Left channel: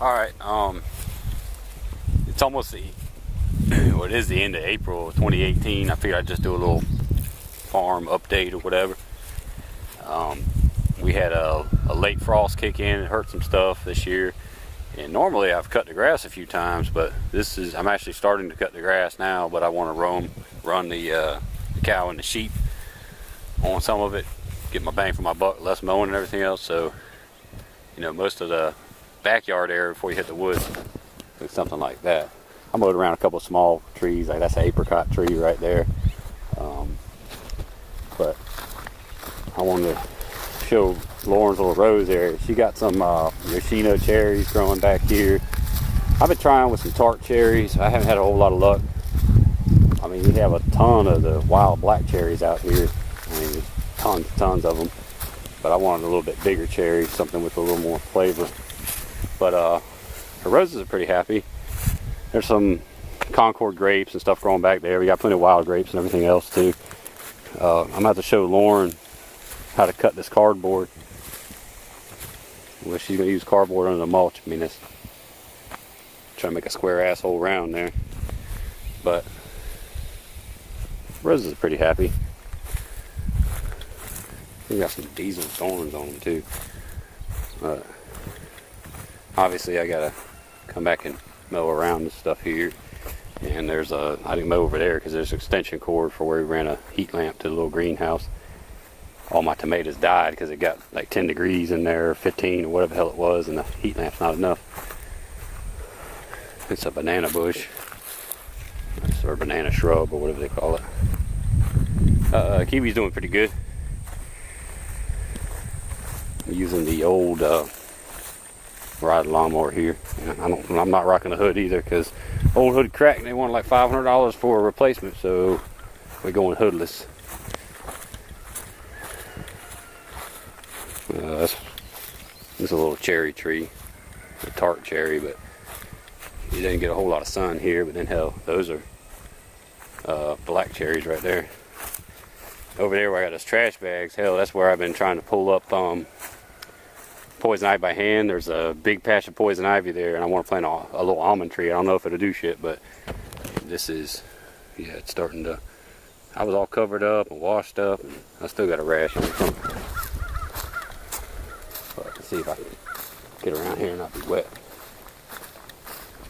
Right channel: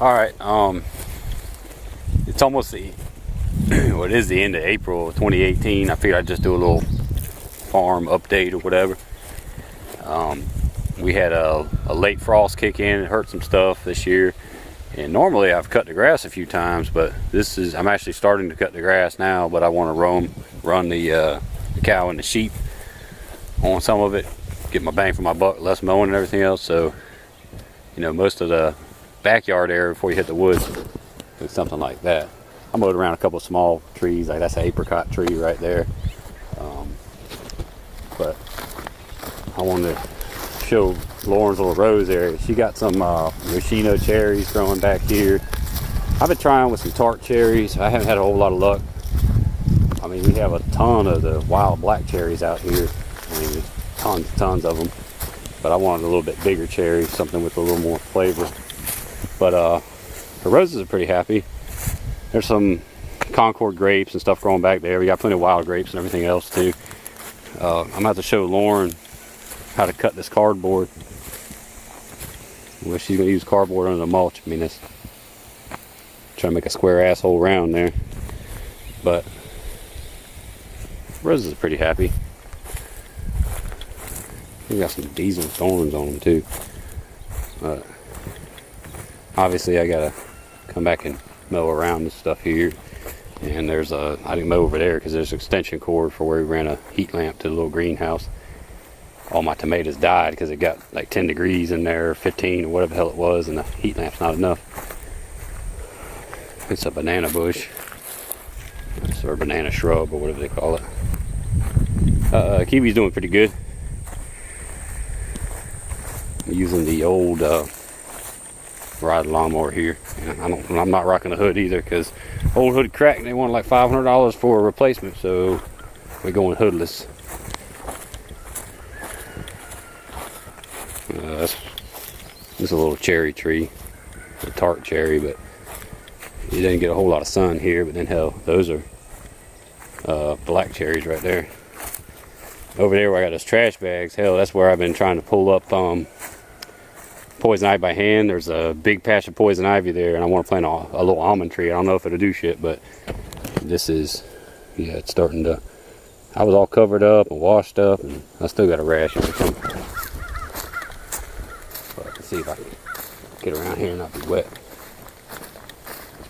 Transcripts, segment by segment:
All right. It's almost the well, it is the end of April of 2018. I figured I'd just do a little farm update or whatever. We had a late frost kick in. It hurt some stuff this year. And normally I've cut the grass a few times, but I'm actually starting to cut the grass now. But I want to run the cow and the sheep on some of it, get my bang for my buck, less mowing and everything else. So, you know, most of the backyard area before you hit the woods is something like that. I mowed around a couple of small trees, like that's an apricot tree right there. But I wanted to show Lauren's little rose area. She got some Yoshino cherries growing back here. I've been trying with some tart cherries. I haven't had a whole lot of luck. I mean, we have a ton of the wild black cherries out here. I mean, tons of them. But I wanted a little bit bigger cherry, something with a little more flavor. But the roses are pretty happy. There's some Concord grapes and stuff growing back there. We got plenty of wild grapes and everything else too. I'm going to have to show Lauren how to cut this cardboard. Well, she's going to use cardboard under the mulch. I mean, it's trying to make a square asshole round there. But roses are pretty happy. We got some decent thorns on them too. Obviously I gotta come back and mow around this stuff here. And I didn't mow over there because there's an extension cord for where we ran a heat lamp to the little greenhouse. All my tomatoes died because it got like 10 degrees in there, 15 or whatever the hell it was, and the heat lamp's not enough. It's a banana bush. Or banana shrub or whatever they call it. Kiwi's doing pretty good. I'm using the old ride lawnmower here. I'm not rocking a hood either because old hood cracked and they wanted like $500 for a replacement, so we're going hoodless. This is a little cherry tree, a tart cherry, but it didn't get a whole lot of sun here. But then hell, those are black cherries right there. Over there where I got those trash bags, hell, that's where I've been trying to pull up poison ivy by hand. There's a big patch of poison ivy there, and I want to plant a little almond tree. I don't know if it'll do shit, but this is, yeah, it's starting to. I was all covered up and washed up, and I still got a rash on something. But I can see if I can get around here and not be wet.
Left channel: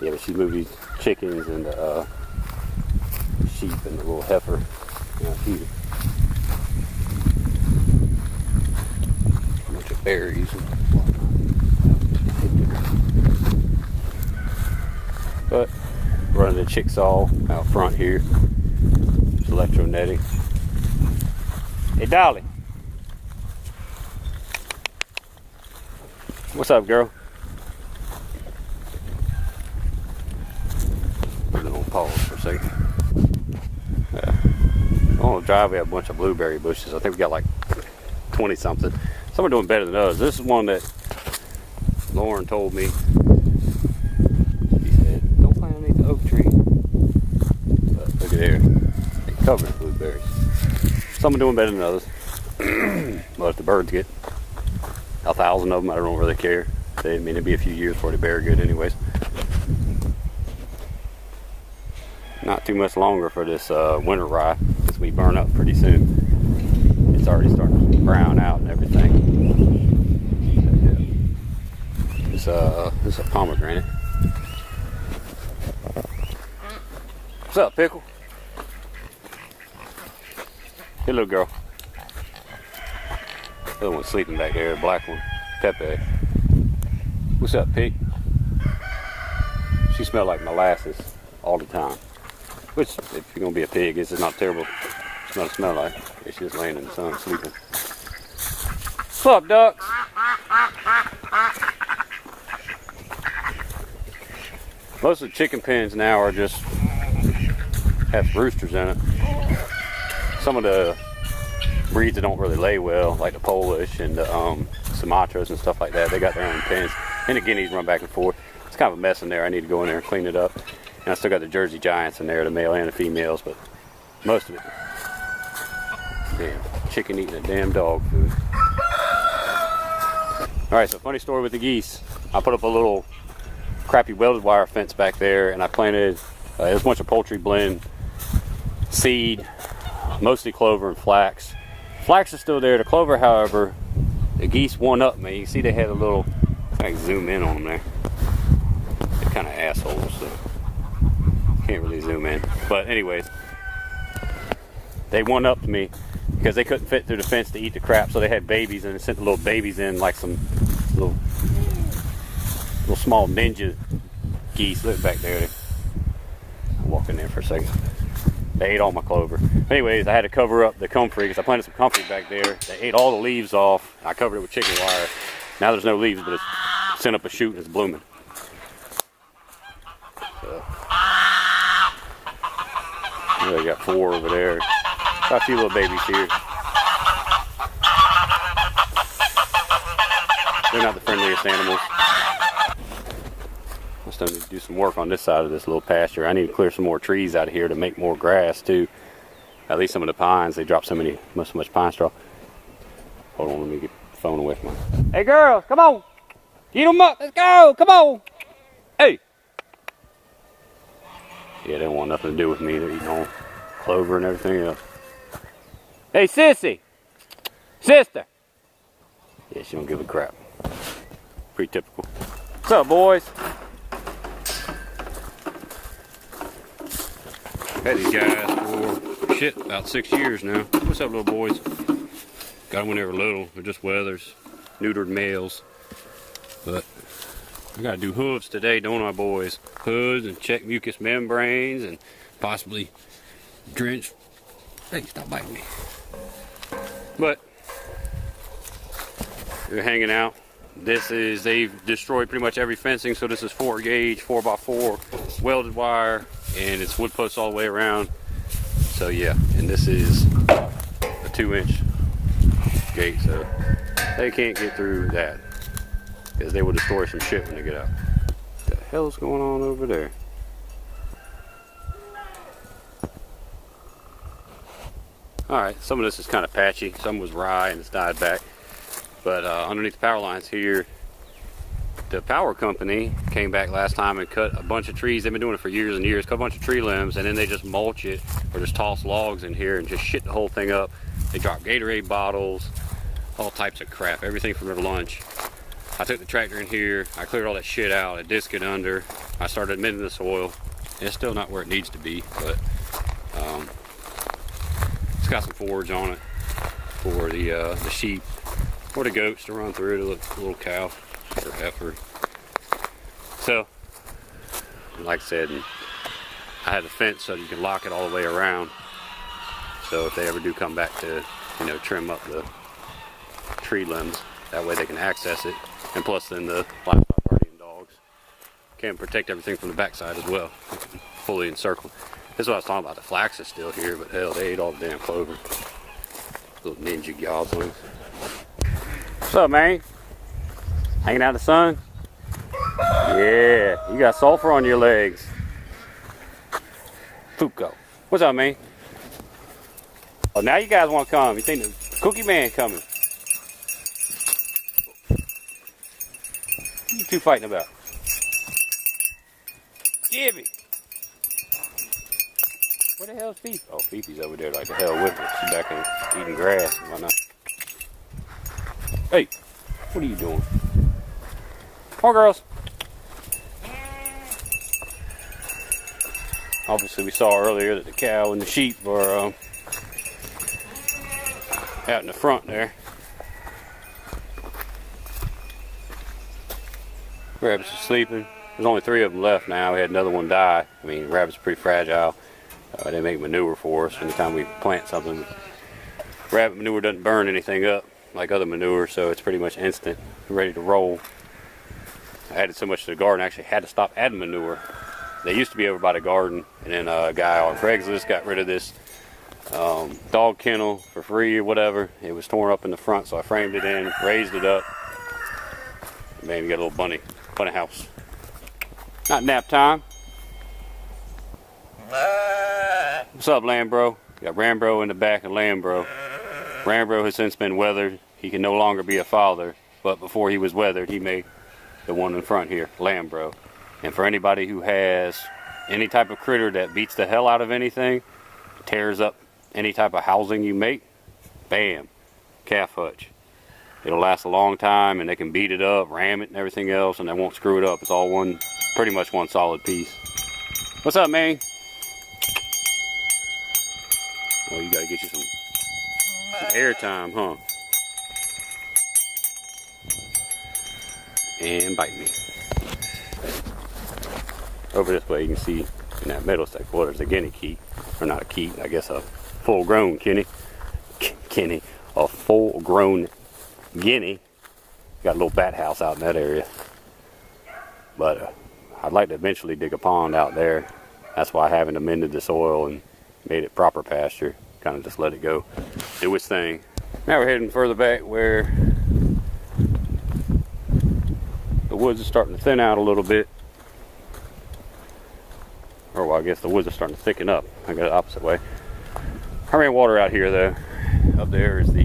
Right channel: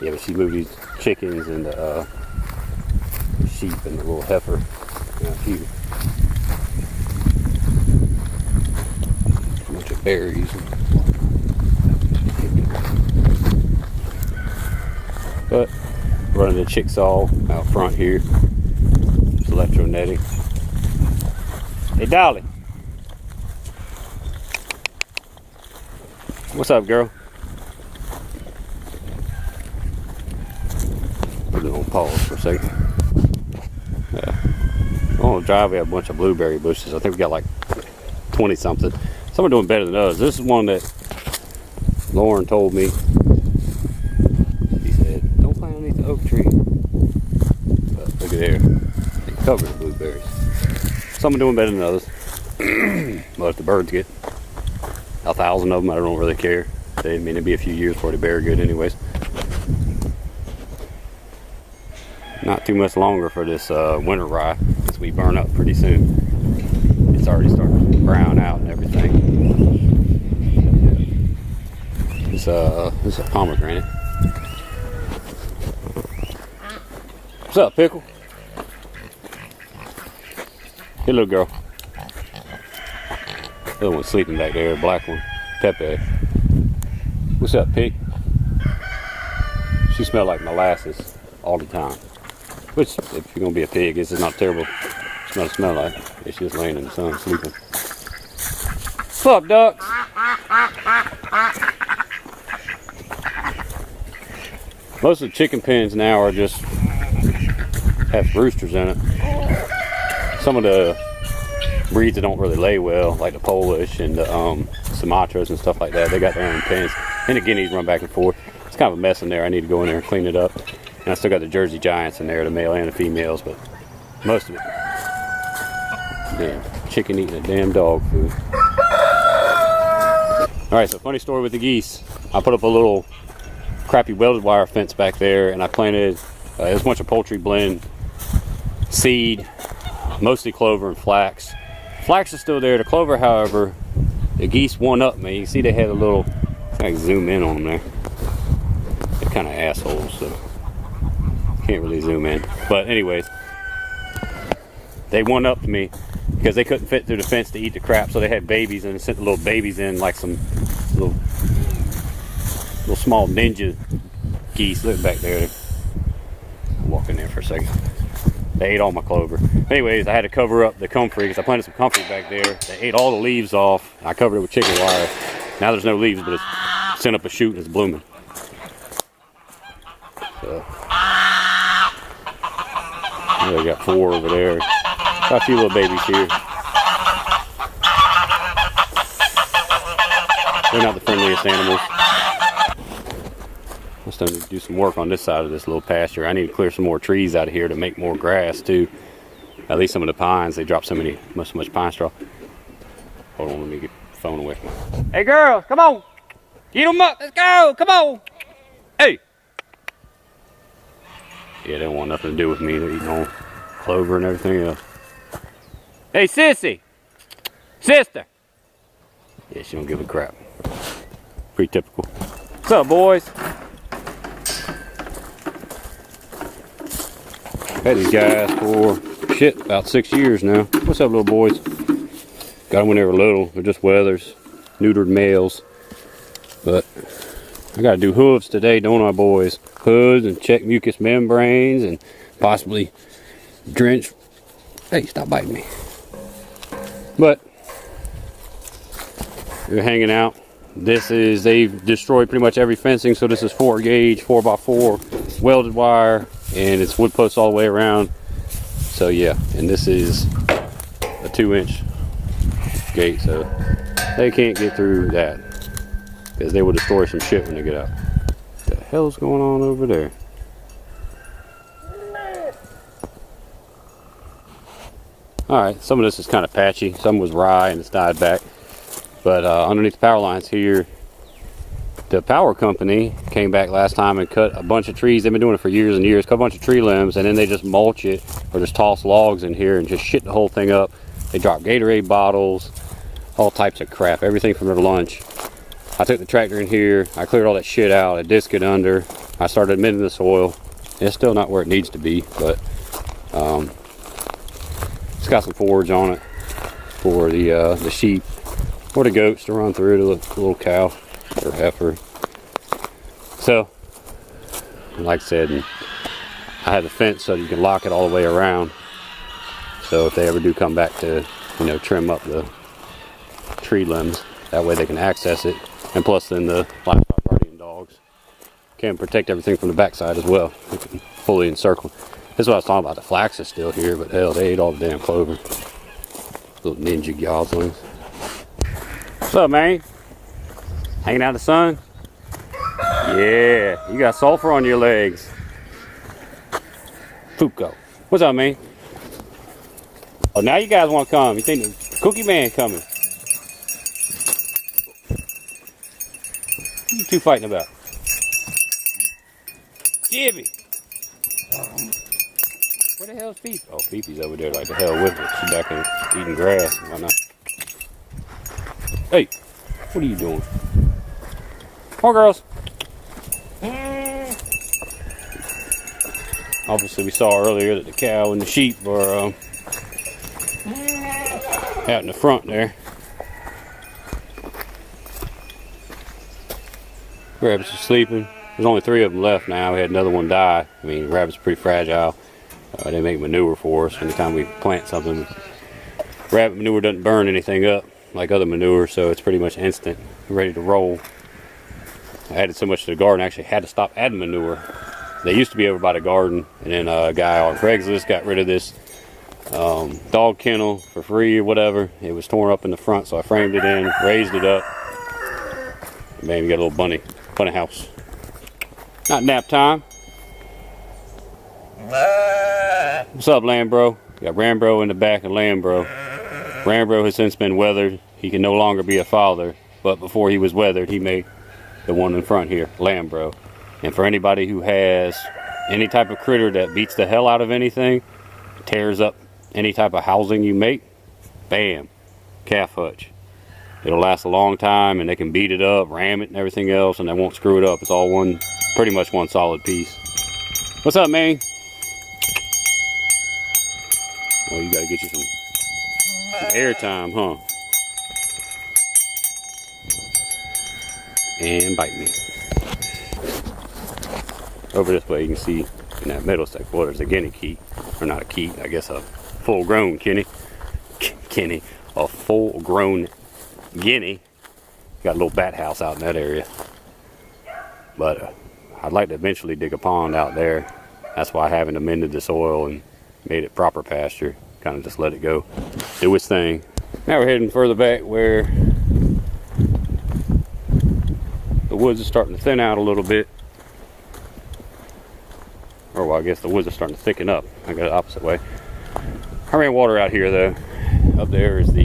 Yeah, but she moved these chickens and the sheep and the little heifer out here. A bunch of berries and but running the chicksaw out front here. It's electro netting. Hey Dolly, what's up, girl? Put it on pause for a second. Yeah. On the driveway, we have a bunch of blueberry bushes. I think we got like 20 something. Some are doing better than others. This is one that Lauren told me. She said, don't plant underneath the oak tree. But look at there. They covered in blueberries. Some are doing better than others. But if the birds get 1,000 of them, I don't really care. I mean, it'd be a few years before they bear good anyways. Not too much longer for this winter rye, because we burn up pretty soon. It's already starting to brown out and everything. This is a pomegranate. What's up, Pickle? Hey, little girl. The other one's sleeping back there, black one, Pepe. What's up, pig? She smelled like molasses all the time. Which, if you're gonna be a pig, it's not terrible. It's not a smell like. It's just laying in the sun sleeping. What's up, ducks? Most of the chicken pens now are just have roosters in it. Some of the breeds that don't really lay well, like the Polish and the Sumatras and stuff like that, they got their own pens. And the Guineas run back and forth. It's kind of a mess in there. I need to go in there and clean it up. And I still got the Jersey Giants in there, the male and the females, but most of it. Damn, chicken eating a damn dog food. Alright, so funny story with the geese. I put up a little crappy welded wire fence back there, and I planted it was a bunch of poultry blend seed, mostly clover and flax. Flax is still there. The clover, however, the geese one up me. You see they had a little, I can zoom in on them there. They're kind of assholes, so can't really zoom in. But anyways, they one upped me because they couldn't fit through the fence to eat the crap, so they had babies, and they sent the little babies in like some little small ninja geese. Look back there. I'll walk in there for a second. They ate all my clover. Anyways, I had to cover up the comfrey because I planted some comfrey back there. They ate all the leaves off. I covered it with chicken wire. Now there's no leaves, but it's sent up a shoot and it's blooming. So, I got 4 over there. Got a few little babies here. They're not the friendliest animals. I still need to do some work on this side of this little pasture. I need to clear some more trees out of here to make more grass too. At least some of the pines, they drop so much pine straw. Hold on, let me get the phone away from me. Hey girls, come on. Get them up, let's go, come on. Hey. Yeah, they don't want nothing to do with me. They're eating on clover and everything else. Hey sissy. Sister. Yeah, she don't give a crap. Pretty typical. What's up, boys? Had these guys for about 6 years now. What's up, little boys? Got them when they were little. They're just wethers, neutered males. But I gotta do hooves today, don't I, boys? Hooves and check mucous membranes and possibly drench. Hey, stop biting me. But they're hanging out. They've destroyed pretty much every fencing, so this is 4 gauge, 4x4 welded wire, and it's wood posts all the way around. So yeah, and this is a 2-inch gate, so they can't get through that because they will destroy some shit when they get out. What the hell's going on over there? Alright, some of this is kind of patchy. Some was rye and it's died back. But underneath the power lines here, the power company came back last time and cut a bunch of trees. They've been doing it for years and years. Cut a bunch of tree limbs, and then they just mulch it or just toss logs in here and just shit the whole thing up. They drop Gatorade bottles, all types of crap, everything from their lunch. I took the tractor in here. I cleared all that shit out. I disced it under. I started admitting the soil. It's still not where it needs to be, but it's got some forage on it for the sheep or the goats to run through, the little cow or heifer. So, like I said, I have the fence so you can lock it all the way around. So if they ever do come back to, trim up the tree limbs, that way they can access it. And plus then the livestock guardian dogs can protect everything from the backside as well. Fully encircled. This is what I was talking about. The flax is still here, but hell, they ate all the damn clover. Little ninja goslings. What's up, man? Hanging out in the sun? Yeah, you got sulfur on your legs. Fuko. What's up, man? Oh, now you guys want to come. You think the Cookie Man coming? What you two fighting about? Gibby. Where the hell is Peep? Oh, Peepy's over there like the hell with her. She's back in eating grass and whatnot. Hey, what are you doing? Come on, girls. Obviously, we saw earlier that the cow and the sheep were out in the front there. Rabbits are sleeping. There's only 3 of them left now. We had another one die. I mean, rabbits are pretty fragile. They make manure for us anytime we plant something. Rabbit manure doesn't burn anything up like other manure, so it's pretty much instant, ready to roll. I added so much to the garden, I actually had to stop adding manure. They used to be over by the garden, and then a guy on Craigslist got rid of this dog kennel for free or whatever. It was torn up in the front, so I framed it in, raised it up. Man, we got a little bunny house. Not nap time. What's up, Lambro? We got Rambro in the back of Lambro. Rambro has since been weathered. He can no longer be a father, but before he was weathered, he made the one in front here, Lambro. And for anybody who has any type of critter that beats the hell out of anything, tears up any type of housing you make, bam, calf hutch. It'll last a long time, and they can beat it up, ram it and everything else, and they won't screw it up. It's all one, pretty much one solid piece. What's up, man? Oh, you gotta get you some air time, huh? And bite me. Over this way, you can see in that middle stack, well, there's a guinea keat, or not a keat, I guess a full-grown guinea. A full-grown guinea. Got a little bat house out in that area. But I'd like to eventually dig a pond out there. That's why I haven't amended the soil and made it proper pasture. Kind of just let it go, do its thing. Now we're heading further back where the woods is starting to thin out a little bit. Or well, I guess the woods are starting to thicken up. I got the opposite way. I ran water out here though. Up there is the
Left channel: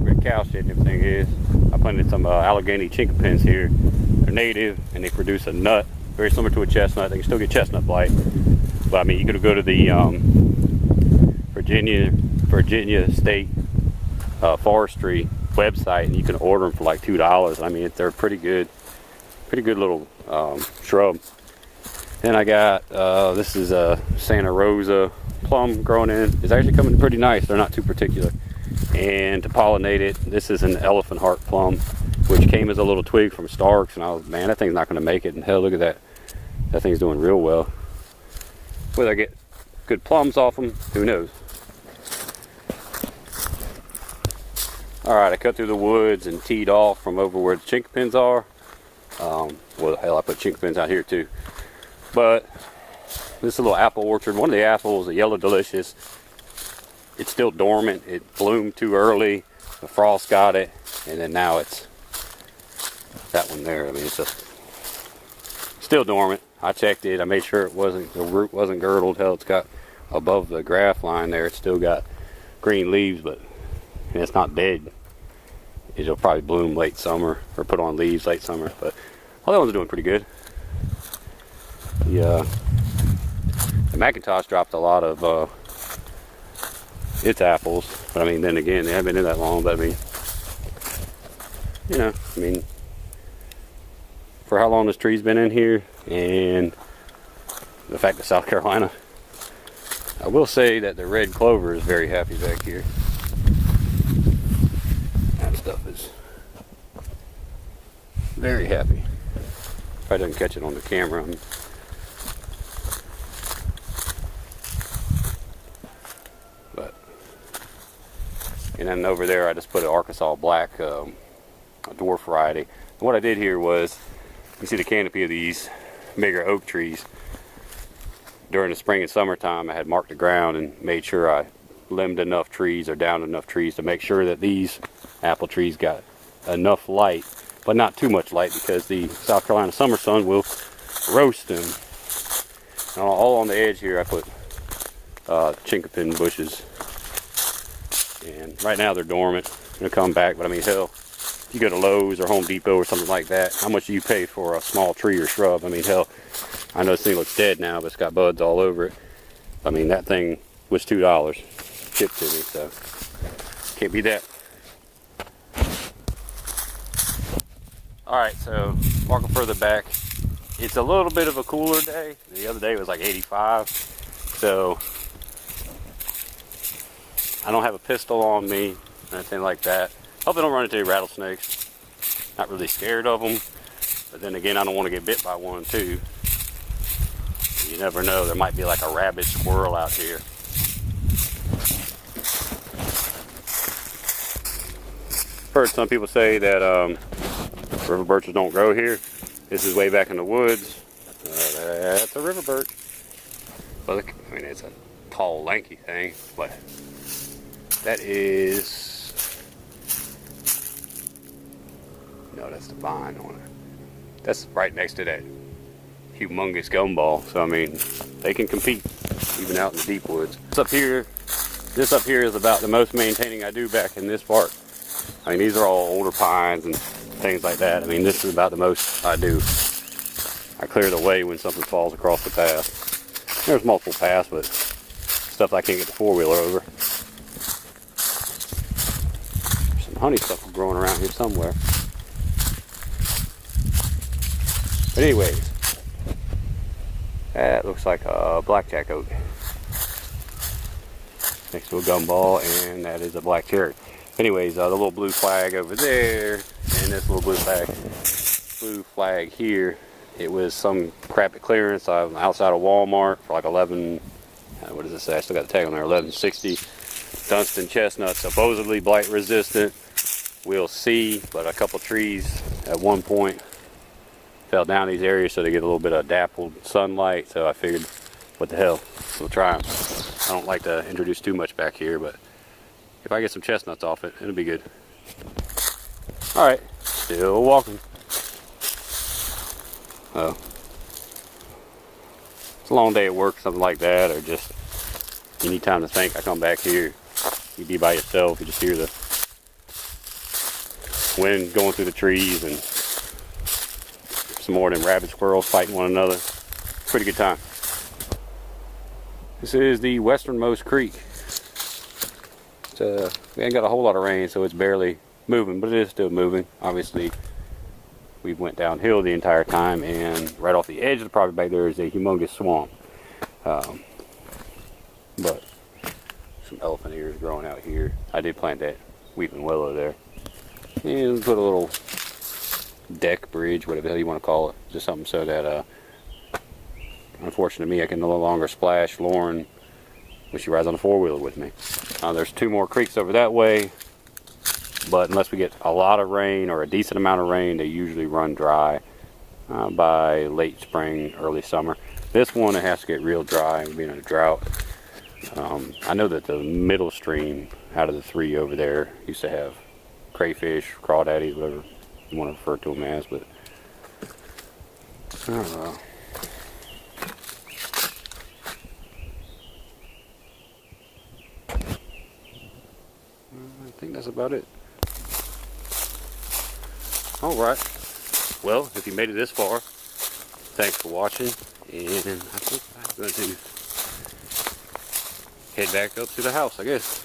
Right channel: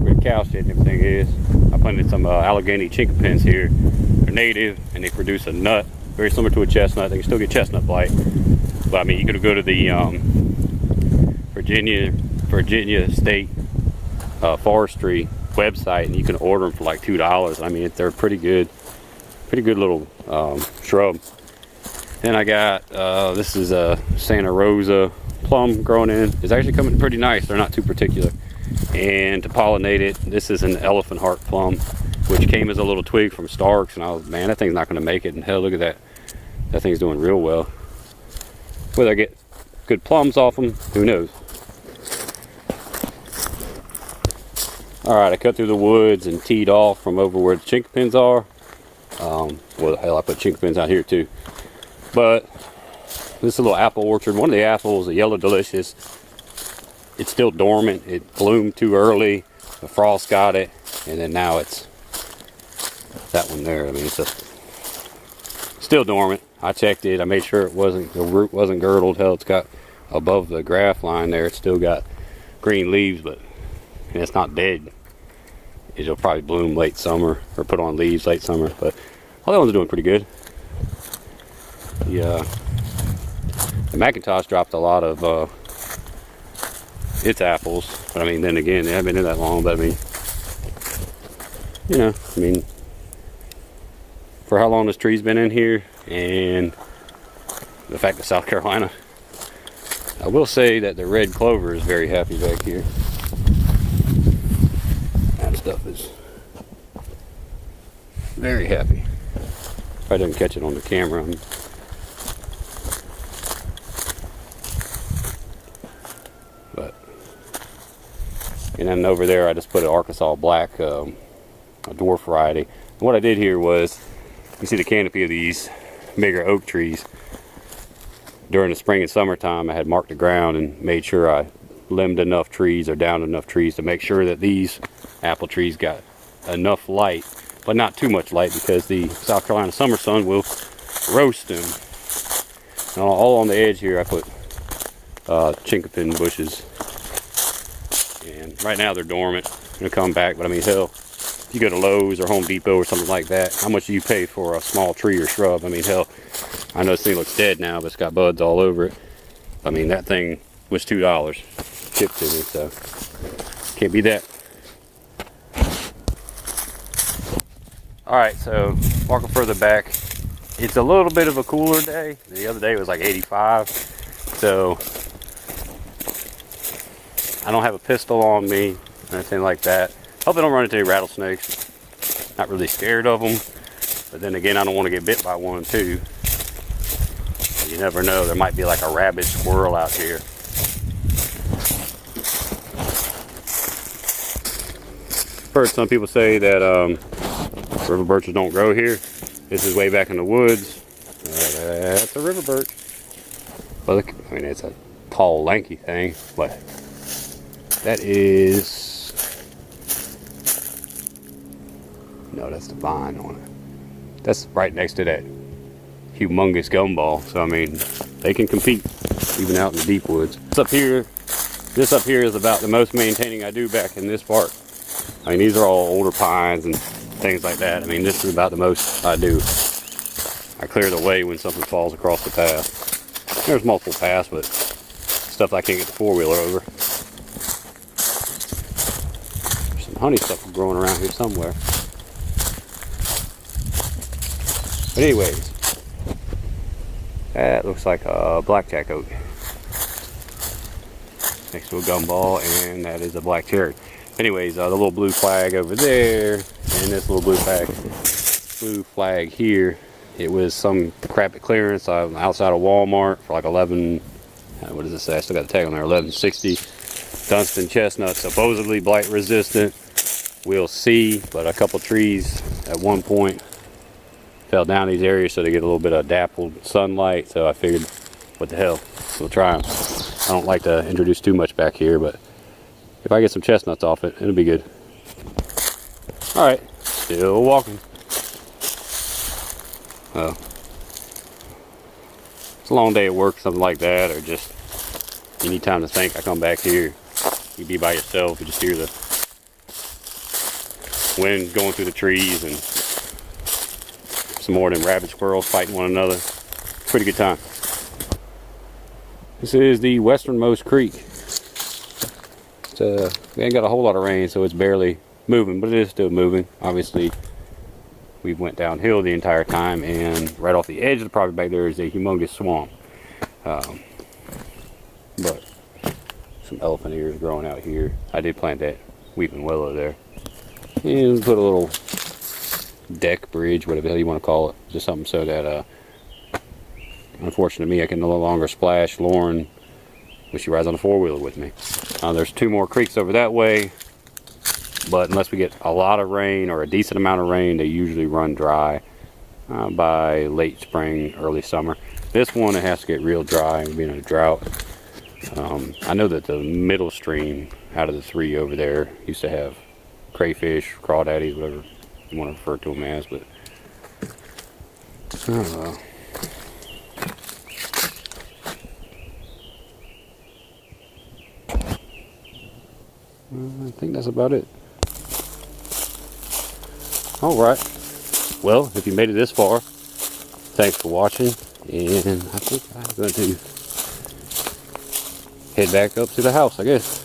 where the cow shit and everything is. I planted some Allegheny chinkapins here. They're native and they produce a nut very similar to a chestnut. They can still get chestnut blight, but I mean you could go to the Virginia State Forestry website and you can order them for like $2. I mean they're pretty good little shrub. Then I got this is a Santa Rosa plum growing in. It's actually coming pretty nice. They're not too particular. And to pollinate it, this is an elephant heart plum, which came as a little twig from Starks. And I was, man, that thing's not going to make it. And hell, look at that. That thing's doing real well. Whether I get good plums off them, who knows? All right, I cut through the woods and teed off from over where the chinkapins are. Well, hell, I put chinkapins out here too. But this is a little apple orchard. One of the apples, the Yellow Delicious, it's still dormant. It bloomed too early. The frost got it, and then now it's that one there. I mean, it's still dormant. I checked it. I made sure the root wasn't girdled. Hell, it's got above the graft line there. It's still got green leaves, but and it's not dead. It'll probably bloom late summer or put on leaves late summer. But all that one's doing pretty good. The McIntosh dropped a lot of its apples, but I mean, then again, they haven't been in that long. But I mean, you know, I mean, for how long this tree's been in here, and the fact that South Carolina, I will say that the red clover is very happy back here. That stuff is very happy. Probably doesn't catch it on the camera. And then over there, I just put an Arkansas Black, a dwarf variety. And what I did here was, you see the canopy of these bigger oak trees. During the spring and summertime, I had marked the ground and made sure I limbed enough trees or downed enough trees to make sure that these apple trees got enough light, but not too much light, because the South Carolina summer sun will roast them. And all on the edge here, I put chinkapin bushes. And right now they're dormant. They're gonna come back, but I mean, hell, if you go to Lowe's or Home Depot or something like that, how much do you pay for a small tree or shrub? I mean, hell, I know this thing looks dead now, but it's got buds all over it. I mean, that thing was $2 shipped to me, so can't beat that. All right, so walking further back, it's a little bit of a cooler day. The other day was like 85, so I don't have a pistol on me or anything like that. Hope I don't run into any rattlesnakes. Not really scared of them, but then again, I don't want to get bit by one too. You never know, there might be like a rabid squirrel out here. Heard some people say that river birches don't grow here. This is way back in the woods. That's a river birch. Well, I mean, it's a tall, lanky thing, but that is, no, that's the vine on it. That's right next to that humongous gumball. So I mean, they can compete even out in the deep woods. This up here is about the most maintaining I do back in this park. I mean, these are all older pines and things like that. I mean, this is about the most I do. I clear the way when something falls across the path. There's multiple paths, but stuff I can't get the four-wheeler over. There's some honeysuckle growing around here somewhere. But anyways, that looks like a blackjack oak next to a gumball, and that is a black cherry. Anyways, the little blue flag over there, and this little blue flag here. It was some crap at clearance outside of Walmart for like 11. What does it say? I still got the tag on there. 1160. Dunstan chestnut, supposedly blight resistant. We'll see. But a couple trees at one point fell down these areas, so they get a little bit of dappled sunlight. So I figured, what the hell? We'll try them. I don't like to introduce too much back here, but if I get some chestnuts off it, it'll be good. All right, still walking. It's a long day at work, something like that, or just you need time to think. I come back here, you be by yourself, you just hear the wind going through the trees and some more of them rabbit squirrels fighting one another. Pretty good time. This is the westernmost creek. We ain't got a whole lot of rain, so it's barely moving, but it is still moving. Obviously, we went downhill the entire time, and right off the edge of the property back there is a humongous swamp. But some elephant ears growing out here. I did plant that weeping willow there. And put a little deck bridge, whatever the hell you want to call it. Just something so that, unfortunately me, I can no longer splash Lauren when she rides on the four-wheeler with me. There's two more creeks over that way. But unless we get a lot of rain or a decent amount of rain, they usually run dry by late spring, early summer. This one, it has to get real dry, being in a drought. I know that the middle stream out of the three over there used to have crayfish, crawdaddies, whatever you want to refer to them as, but I don't know. I think that's about it. Alright, well, if you made it this far, thanks for watching, and I think I'm going to head back up to the house, I guess.